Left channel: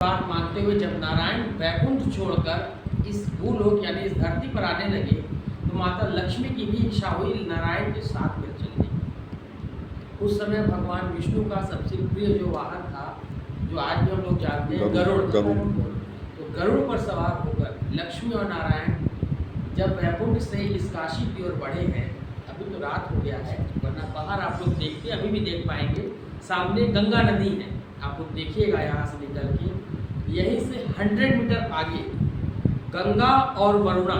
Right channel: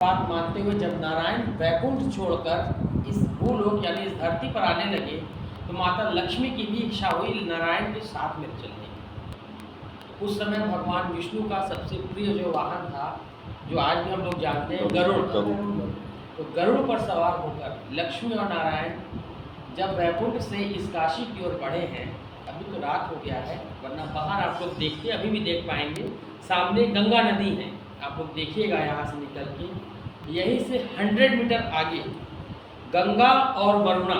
बात मानते हुए जब नारायण वैकुंठ छोड़कर इस भूलोक यानी इस धरती पर आने लगे तो माता लक्ष्मी की भी इच्छा हुई नारायण के साथ में चलने की। उस समय भगवान विष्णु का सबसे प्रिय जो वाहन था, जो आज भी हम लोग जानते हैं, गरुड़। तो गरुड़ पर सवार होकर लक्ष्मी और नारायण जब वैकुंठ से इस काशी की ओर बढ़े हैं, अभी तो रात हो गया है, वरना बाहर आप लोग देखते अभी भी देख पाएंगे, सामने गंगा नदी है, आप लोग देखिएगा यहाँ से निकल के। यहीं से 100 मीटर आगे गंगा और वरुणा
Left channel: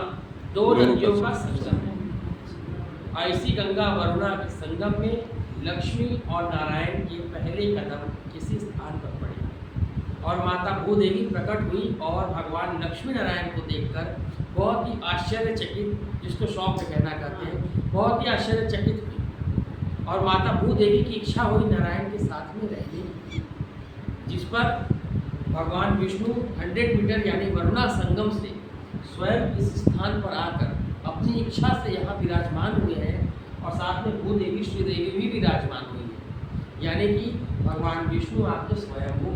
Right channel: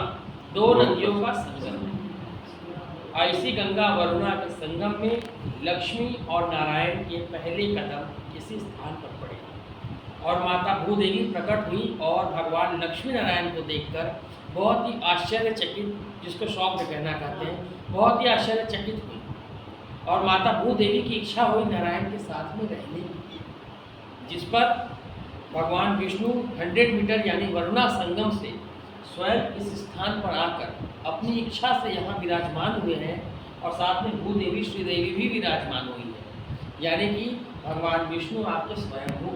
दो नदियों का संगम है। ऐसी गंगा वरुणा के संगम में लक्ष्मी और नारायण के पहले कदम इसी स्थान पर पड़े और माता भूदेवी प्रकट हुई और भगवान लक्ष्मी नारायण को देखकर बहुत ही आश्चर्यचकित, जिसको शौक में कहना कहते हैं, बहुत ही आश्चर्यचकित हुई और माता भूदेवी की इच्छा हुई नारायण के साथ में रहने की, जिस पर भगवान विष्णु 100 मीटर यानी वरुणा संगम से स्वयं इस स्थान पर आकर अपनी इच्छा से यहाँ विराजमान हुए हैं और साथ में भूदेवी श्रीदेवी भी विराजमान हुई है, यानी कि भगवान विष्णु आपके स्वयंभू।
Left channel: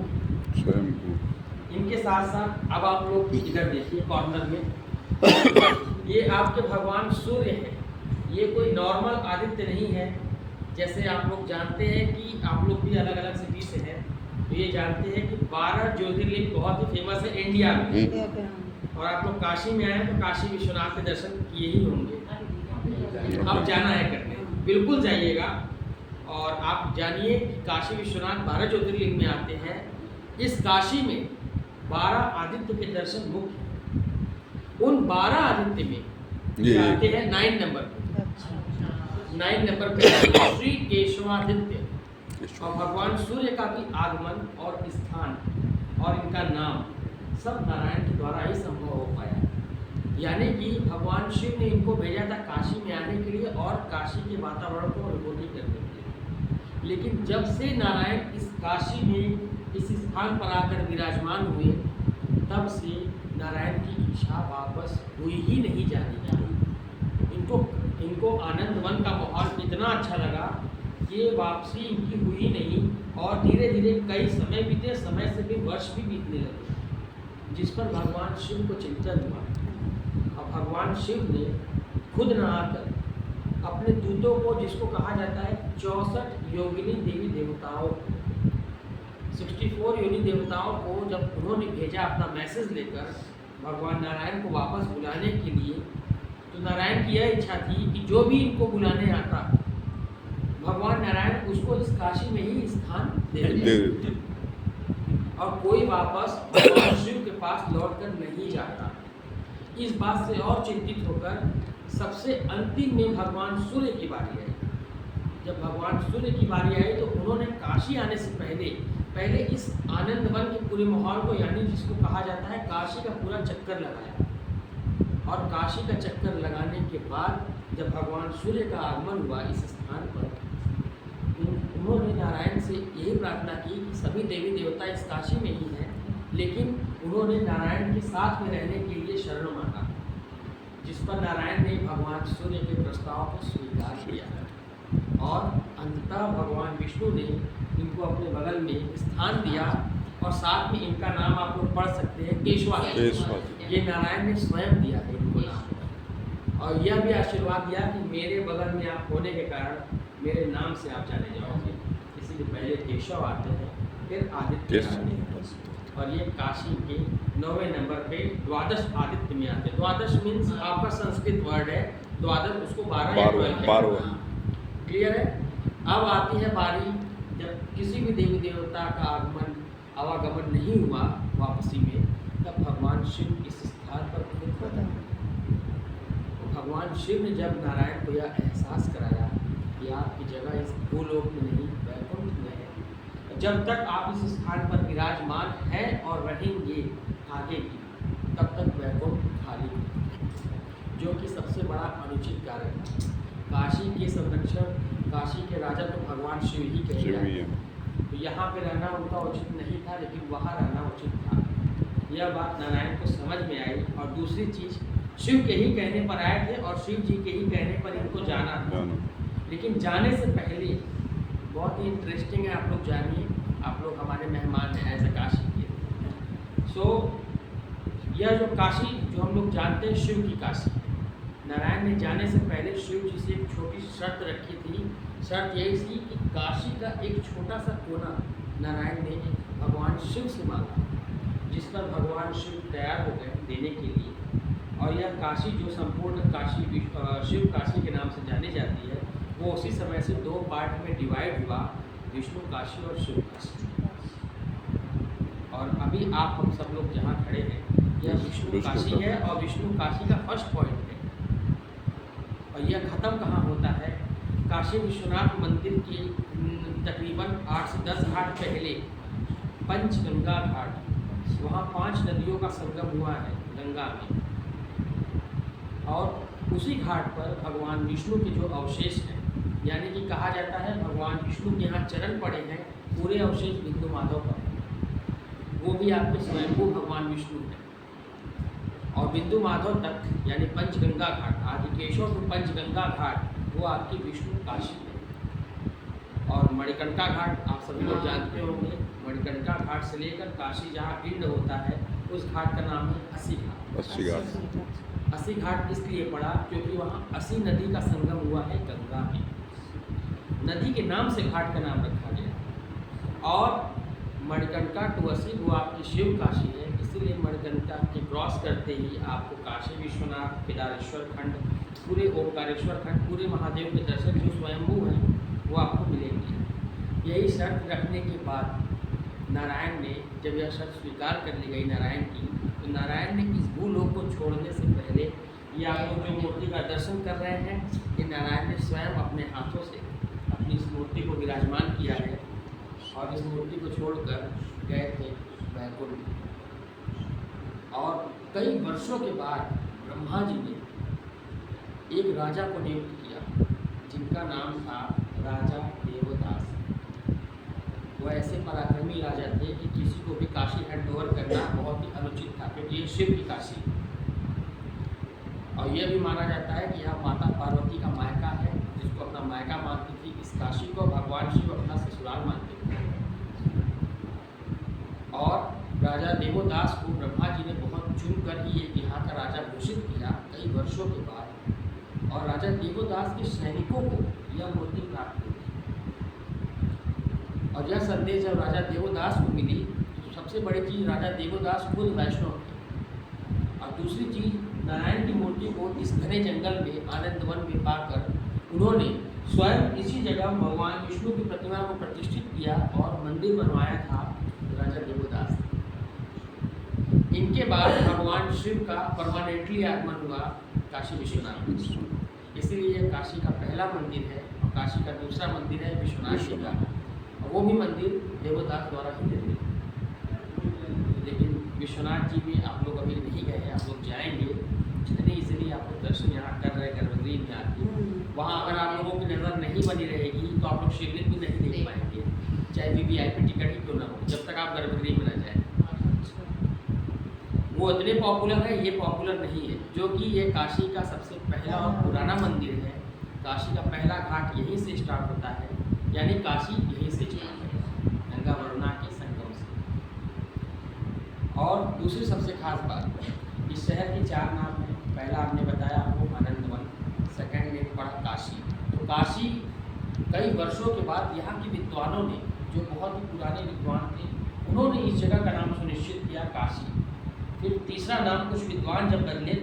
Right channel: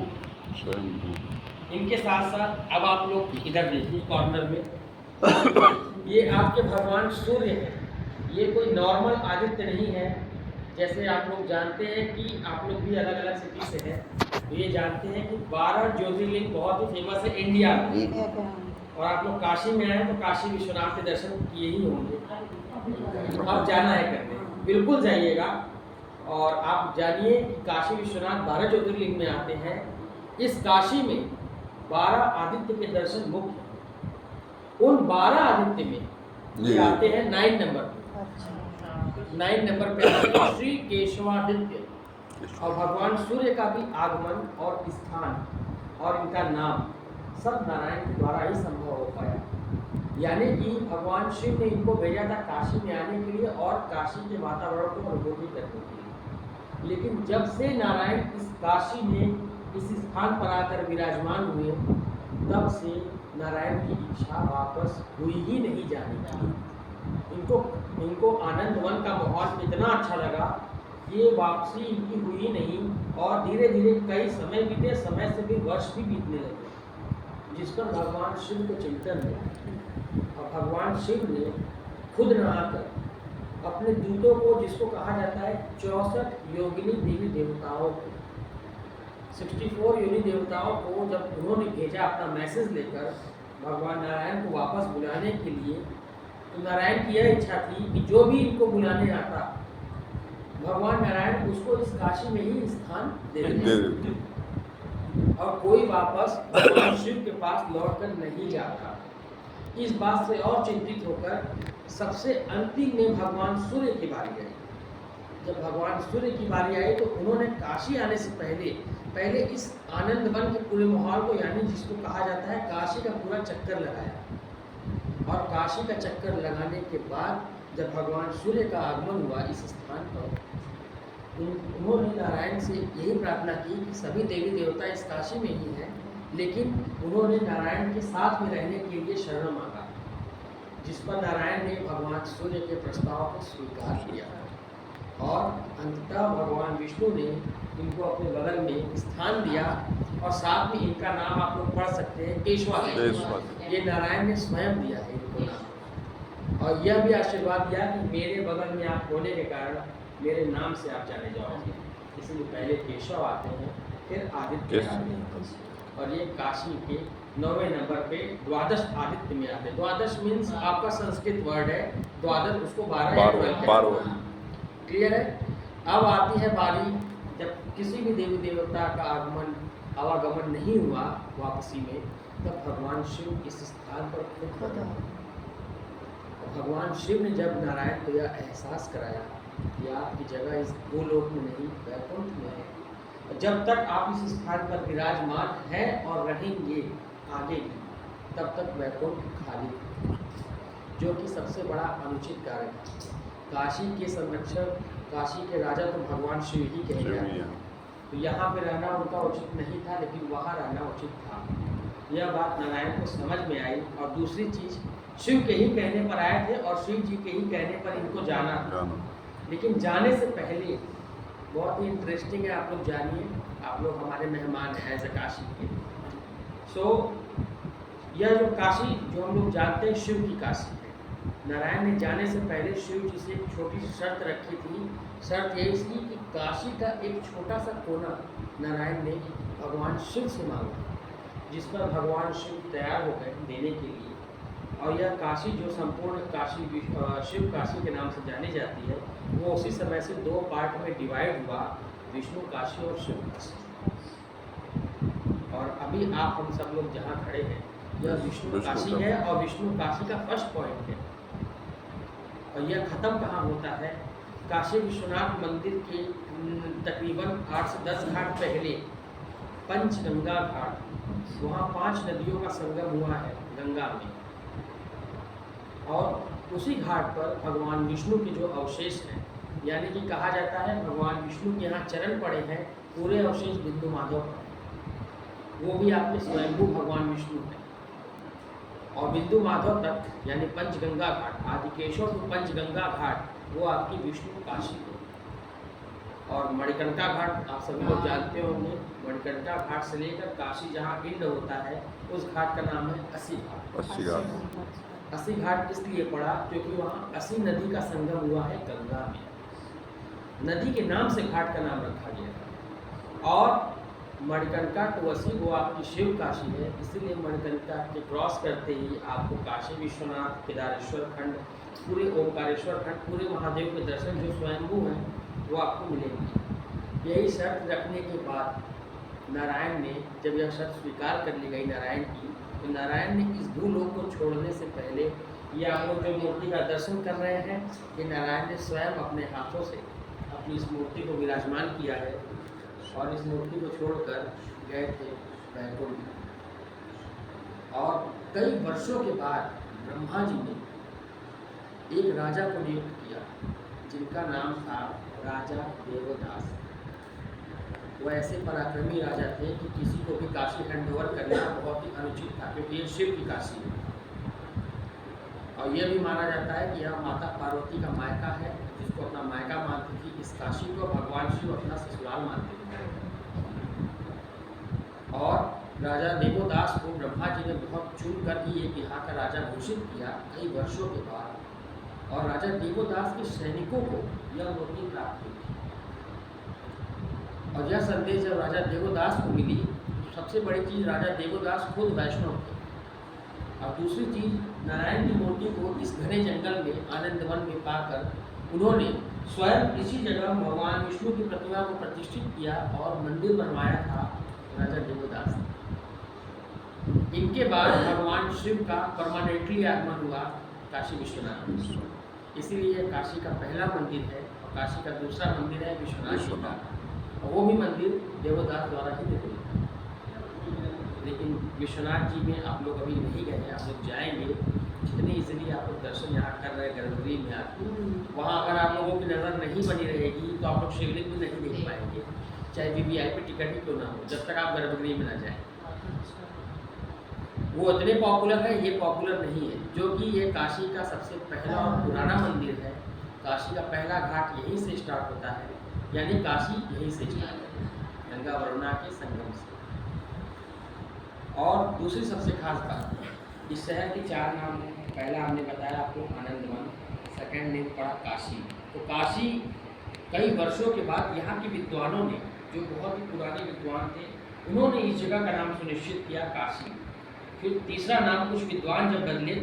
इनके साथ साथ अब आप लोग इधर देखिए कॉर्नर में, ये आपके भगवान सूर्य हैं। ये कोई नॉर्मल आदित्य नहीं है, जैसे आप लोग जानते हैं कि आप लोग भी अलग अलग सिटी से हैं, तो ये जानते हैं कि 12 ज्योतिर्लिंग बहुत ही फेमस है इंडिया में। और आप लोग काशी में आए तो काशी विश्वनाथ के दर्शन किए ही होंगे, अब जाना है करने, बिल्कुल जाइएगा। और आप जानिए कि काशी विश्वनाथ 12 ज्योतिर्लिंग में आते हैं। इस काशी में 12 आदित्य के दर्शन मुख्य, उन 12 आदित्य में आते हैं 9 नंबर 9 नंबर पे श्री केशवादित्य, और भगवान सूर्य का भी आगमन और स्थान और इनका नाम सब नारायण के द्वारा ही संभव हो पाया। यानी कि भगवान शिव ने इनको भेजा था काशी में आने के लिए और काशी के वातावरण को अनुभूति करने के लिए, लेकिन जब से नारायण इस काशी में इस स्थान पर आकर विराजमान हुए, तब से नारायण की इच्छा वापस हुई ही नहीं जाने की। इनको आनंद वन का माहौल इतना अच्छा लगा कि वापसी इनकी हुई नहीं और धीरे धीरे कई समय बीते, समय से भी वर्ष भी बीतने लगे, जिस पर भगवान शिव को चिंतन हुआ और भगवान शिव ने खुद न आकर अपने दूतों को, जिसको कहा जाता है 64 योगिनी देवी देवताओं को, 64 योनि देवताओं को जब उन्होंने भेजा अपना मैसेज लेकर भगवान नारायण को वापस बुलाने के लिए, तो नारायण की यह इच्छा थी कि जो भी इनको बुलाने आता भगवान नारायण उसको इस काशी में ही स्थान दे देते और कोई वापस भगवान शिव के पास लौटकर नहीं जाता। इस बात से और चिंतित होकर सबसे अंतिम में भगवान सूर्य की बारी आई। जब भगवान सूर्य की बारी आई तो उन्होंने काशी आने से पहले इस आनंद वन के पूरे माहौल को, यानी जिसको कहा जाता है काशी का पूरा चक्कर लगाया, और काशी का चक्कर लगाने के बाद जब भगवान सूर्य का आगमन हुआ इस स्थान पर, उन्होंने नारायण से यही प्रार्थना की कि सभी देवी देवता इस काशी में ही हैं, लेकिन उन्होंने नारायण के साथ में रहने के लिए शरण मांगा, जिस पर नारायण ने भगवान सूर्य के प्रस्ताव को स्वीकार किया और अंततः भगवान विष्णु ने इनको अपने बगल में स्थान दिया और साथ में इनका नाम आप लोग पढ़ सकते हैं केशवादित्य। ये नारायण ने स्वयं दिया है इनको नाम, और यह भी आशीर्वाद दिया कि मेरे बगल में आप होने के कारण मेरे नाम से आप जाने जाओगे, इसीलिए पहले केशव आते हैं फिर आदित्य आते हैं। और ये काशी के 9वें नंबर पे द्वादश आदित्य में आते हैं। द्वादश मीन्स आपका संस्कृत वर्ड है, द्वादश उसको 12 या 12, क्लियर है। अब आती है बारी जब किसी भी देवी देवता का आवागमन नहीं हुआ वापसी में, तब भगवान शिव इस स्थान पर खुद भगवान शिव ने जब नारायण को यह एहसास कराया कि आपकी जगह इस भूलोक में नहीं वैकुंठ में है, जब तक आप इस स्थान पर विराजमान हैं और रहेंगे आगे भी, तब तक वैकुंठ खाली, जो कि सबसे बड़ा अनुचित कार्य है। काशी के संरक्षक, काशी के राजा तो भगवान शिव ही कहे जाते हैं, तो यहाँ पे रहना उनका उचित नहीं था, लेकिन वहाँ रहना उचित था। यह बात नारायण को समझ में आई। और दूसरी चीज़, शिव के ही कहने पर आए थे और शिव जी के ही कहने पर इनको जाना था, लेकिन जाने से पहले बहुत ही इंटरेस्टिंग है, आप लोग जानिए, आप लोग हमारे मेहमान हैं एज ए काशी के, सो यह जो काशी जो हम लोग जानते हैं शिव की काशी है, नारायण ने जाने से पहले शिव जी से एक छोटी सी शर्त रखी थी। शर्त यही थी कि काशी का एक छोटा सा कोना नारायण ने भगवान शिव से मांगा, जिस पर भगवान शिव तैयार हो गए देने के लिए। और यह काशी जो संपूर्ण काशी शिव काशी के नाम से जानी जाती है, वो उसी समय से दो पार्ट में डिवाइड हुआ, विष्णु काशी और शिव काशी। और अभी आप हम सब लोग जहाँ खड़े हैं, यह विष्णु काशी है और विष्णु काशी का फर्स्ट पॉइंट है। और यह ख़त्म कहाँ होता है? काशी विश्वनाथ मंदिर के तकरीबन 8 से 10 घाट पहले पंचगंगा घाट, वहाँ 5 नदियों का संगम हुआ है गंगा में। और उसी घाट पर भगवान विष्णु के जो अवशेष हैं, यानी कि कहा जाता है भगवान विष्णु के यहाँ चरण पड़े हैं, पूरे अवशेष बिंदु माधव पर, वो भी आपके स्वयंभू भगवान विष्णु हैं। और बिंदु माधव तक यानी पंचगंगा घाट, आदिकेशव टू पंचगंगा घाट, वो आपकी विष्णु काशी है। और मणिकर्णिका घाट आप सभी लोग जानते होंगे, मणिकर्णिका घाट से लेकर काशी जहाँ पिंड होता है, उस घाट का नाम है अस्सी घाट। अस्सी घाट इसलिए पड़ा क्योंकि वहाँ अस्सी नदी का संगम हुआ है गंगा में, नदी के नाम से घाट का नाम रखा गया। और मणिकर्णिका टू अस्सी वो आपकी शिव काशी है, इसीलिए मणिकर्णिका के क्रॉस करते ही आपको काशी विश्वनाथ, केदारेश्वर खंड, पूरे ओंकारेश्वर खंड, पूरे महादेव के दर्शन जो स्वयंभू हैं वो आपको मिलेंगे। यही शर्त रखने के बाद नारायण ने, जब यह शर्त स्वीकार कर ली गई नारायण की, तो नारायण ने इस भूलोक को छोड़ने से पहले, ये आप लोग जो मूर्ति का दर्शन कर रहे हैं, ये नारायण ने स्वयं अपने हाथों से अपनी इस मूर्ति को विराजमान किया है। और इस मूर्ति को छोड़कर गए थे वैकुंठ। और कई वर्षों के बाद ब्रह्मा जी ने एक राजा को नियुक्त किया, जिनका नाम था राजा देवदास। वो ऐसे पराक्रमी राजा थे कि किसी को भी काशी हैंडओवर करना बहुत ही अनुचित था, क्योंकि ये शिव की काशी है। और यह भी माना जाता है कि यह माता पार्वती का मायका है, जिसको अपना मायका मानती थी। इस काशी को भगवान शिव अपना ससुराल मानते थे। और राजा देवदास को ब्रह्मा जी ने बहुत चुन कर ही एक यहाँ का राजा घोषित किया कई वर्षों के बाद। और राजा देवदास के सैनिकों को यह मूर्ति प्राप्त हुई। और यह संदेश जब राजा देवदास को मिली, तो सबसे बड़ी चीज़, राजा देवदास खुद वैष्णव थे। और दूसरी चीज़, नारायण की मूर्ति को इस घने जंगल में, आनंद वन में पाकर उन्होंने स्वयं इसी जगह भगवान विष्णु की प्रतिमा को प्रतिष्ठित किया और मंदिर बनवाया था राजा देवदास। इनके बाद भगवान शिव का परमानेंटली आगमन हुआ काशी विश्वनाथ में। इसीलिए काशी का पहला मंदिर है और काशी का दूसरा मंदिर है विश्वनाथ जी का। और वो भी मंदिर देवदास द्वारा ही निर्मित है। लेकिन विश्वनाथ जी में आप लोग अभी नहीं गए हैं, आप लोग जाएंगे। जितने इजीली आप लोग दर्शन यहाँ कर रहे हैं गर्भगृह में आके, वहाँ अगर आप लोगों की नज़र नहीं बनी रहेगी तो आप लोग शिवलिंग भी नहीं देख पाएंगे, चाहे VIP टिकट ही क्यों ना हो, जब तक आप गर्भगृह में ना जाएं। वो इतने पॉपुलर है, ये पॉपुलर नहीं है। जो कि ये काशी का सबसे पहला और पुराना मंदिर है। काशी का पहला घाट यहीं से स्टार्ट होता है, यानी काशी यहीं से स्टार्ट है, गंगा वरुणा के संगम से। और दूसरी सबसे खास बात, इस शहर के 4 नाम हैं। पहला हमने बताया आपको आनंदवन, सेकंड नेम पड़ा काशी। तो काशी कई वर्षों के बाद यहाँ के विद्वानों ने, जो बहुत ही पुराने विद्वान थे, उन्होंने इस जगह का नाम सुनिश्चित किया काशी। फिर तीसरा नाम कुछ विद्वान जब बदले